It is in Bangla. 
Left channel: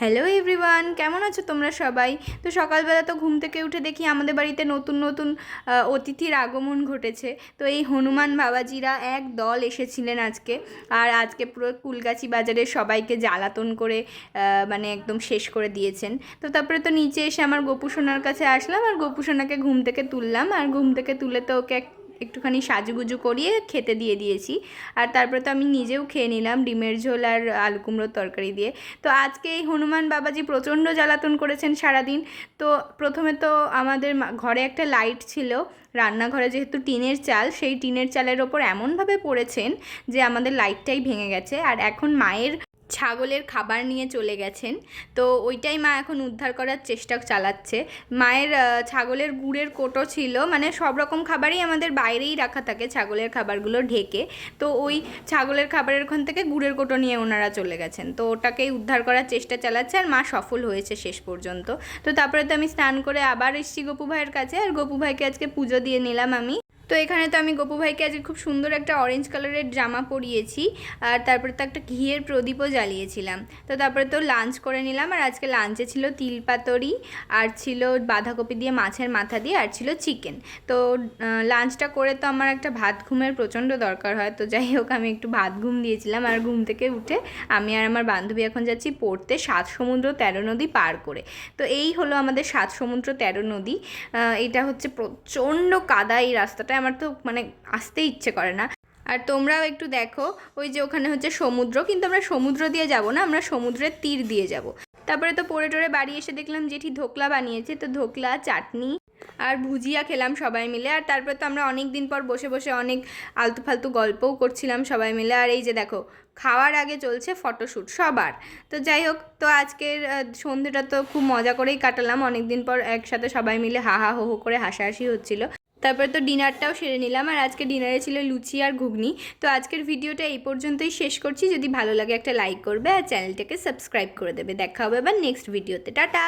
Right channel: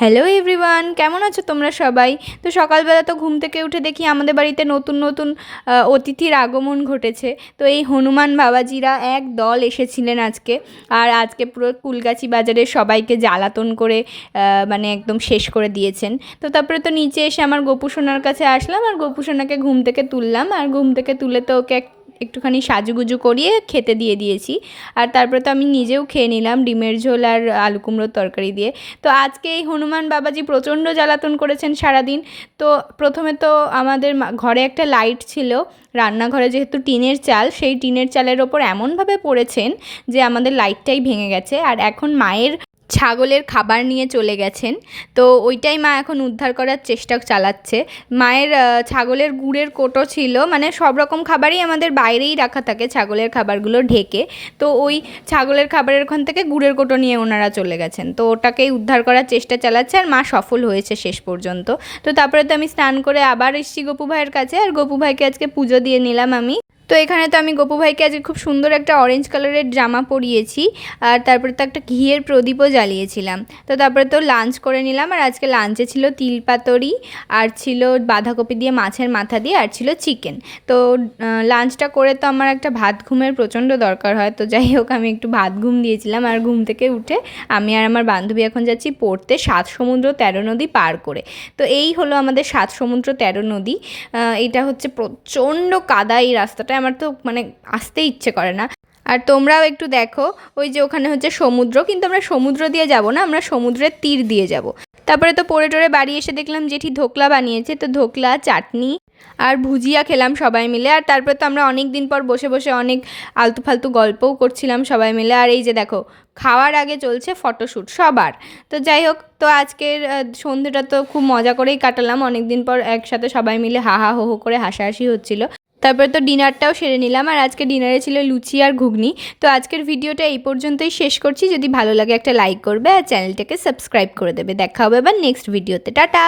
হ্যালো এভরিওয়ান, কেমন আছো তোমরা সবাই? তো সকালবেলা তো ঘুম থেকে উঠে দেখি আমাদের বাড়িতে নতুন নতুন অতিথির আগমন ঘটেছে। তো এই হনুমান বাবাজিরা এক দল এসেছিলেন আজকে। আর আজকে পুরো কুলগাছি বাজারের সবাইকে জ্বালাতন করে মানে একদম শেষ করে দিয়েছেন। তো তারপরে তো নিচে এসে আমার গোপু সোনার কাছে আসলাম, আর গোপু সোনাকে ঘুম থেকে তুললাম, আর ঘুম থেকে তুলে তো ওকে একটুখানি সাজুগুজু করিয়ে খেতে দিয়ে দিয়েছি। আর তারপরে তো আমি নিজেও খেয়ে নিলাম ডিমের ঝোল আর আলু কুমড়োর তরকারি দিয়ে। তো আজকে এই হনুমান বাবাজি প্রচণ্ড জ্বালাতন করেছেন সারাদিন। তো প্রথমে তো আমাদের ঘরে একটা লাইট ছিল, রান্নাঘরে যেহেতু টিনের চাল, সেই টিনের চালের ওপর এমনভাবে পড়েছেন যে আমাদের লাইটটাই ভেঙে গেছে। আর এখন মায়ের ছাগলের খাবার নিয়ে চলে গেছেন, তো ওইটাই মা এখন উদ্ধার করার চেষ্টা চালাচ্ছে। মায়ের ছাগলের গুড়ের কোটো ছিল, মানে সব রকম খাবারই আমাদের বাইরেই রাখা থাকে ছাগলের খাবারগুলো ঢেকে। তো ওই ছাগলের খাবারের ওখান থেকে গুড়ের কোটো নিয়ে ওনারা চলে গেছেন, তো ওটাকেই উদ্ধার করার চেষ্টা চালাচ্ছে, আর মা সফল হয়েছে শেষ পর্যন্ত। তো তারপরে তো আমি স্নান করে আবার এসেছি গপু ভাইয়ের কাছে, আর গপু ভাইকে আজকে পুজো দিয়ে নিলাম আমি। তো এখানে তো আমি গপু ভাইকে আজকে খুব সুন্দর একটা অরেঞ্জ কালারের জামা পরিয়েছি, আর তারপরে তো একটা ঘিয়ের প্রদীপও জ্বালিয়েছিলাম। তো তারপরে তো লাঞ্চ করে নিলাম, আর আজকে লাঞ্চে ছিল তিল পাতুরি, আর ছিল বাঁধাকপি দিয়ে মাছের মাথা দিয়ে, আর ছিল চিকেন। তো লাঞ্চটা করে তো আমার একটা ভাত ঘুমের প্রচণ্ড দরকার হয়, তো যাই হোক আমি একটু ভাত ঘুম দিয়েছিলাম। আর ঘুম থেকে উঠে আমি আর আমার বান্ধবী এখন যাচ্ছি পড়তে 7 সমুদ্র 13 নদী পার করে। তো এই হলো আমাদের 7 সমুদ্র 13 নদী। এটা হচ্ছে প্রচণ্ড কাদা এই রাস্তাটা, আমার তো মানে আসতে ইচ্ছে করে না। আর তোমরাও একটু দেখো, ওই যে ওখানে হচ্ছে সমুদ্র, কিন্তু আমরা সমুদ্র দিয়ে যাব না, আমরা সমুদ্রের তীর দিয়ে যাব। তারপরে তো পড়ে টরে বাড়ি এসে দেখলাম জেঠি ধোকলা বানিয়েছে, তো ধোকলা চাটনি আর ভুজিয়া খেলাম সবাই মিলে। আর তারপরে তো আমরা অনেক দিন পর বসে বসে অনেক আলতু ফালতু গল্পও করছিলাম সবাই মিলে। আর এই যে দেখো, খাওয়ার আগে চলছে ফটোশ্যুট সবার। তো যাই হোক, তো আজকের সন্ধ্যেটা তো খুব মজা করেই কাটালাম, অনেক দিন পর একসাথে সবাই মিলে হা হা হো হো করে হাসাহাসি হচ্ছিল। তারপরে তো ডিনারটাও সেরে নিলাম, আর আজকে ডিনারে ছিল লুচি আর ঘুগনি। তো আজকের ভিডিওটা এই পর্যন্তই শেষ করছি। যদি ভালো লাগে একটা লাইক করবে, আর চ্যানেলটাকে সাবস্ক্রাইব করে দেবে। দেখা হবে আবার নেক্সট ভিডিওতে। টাটা।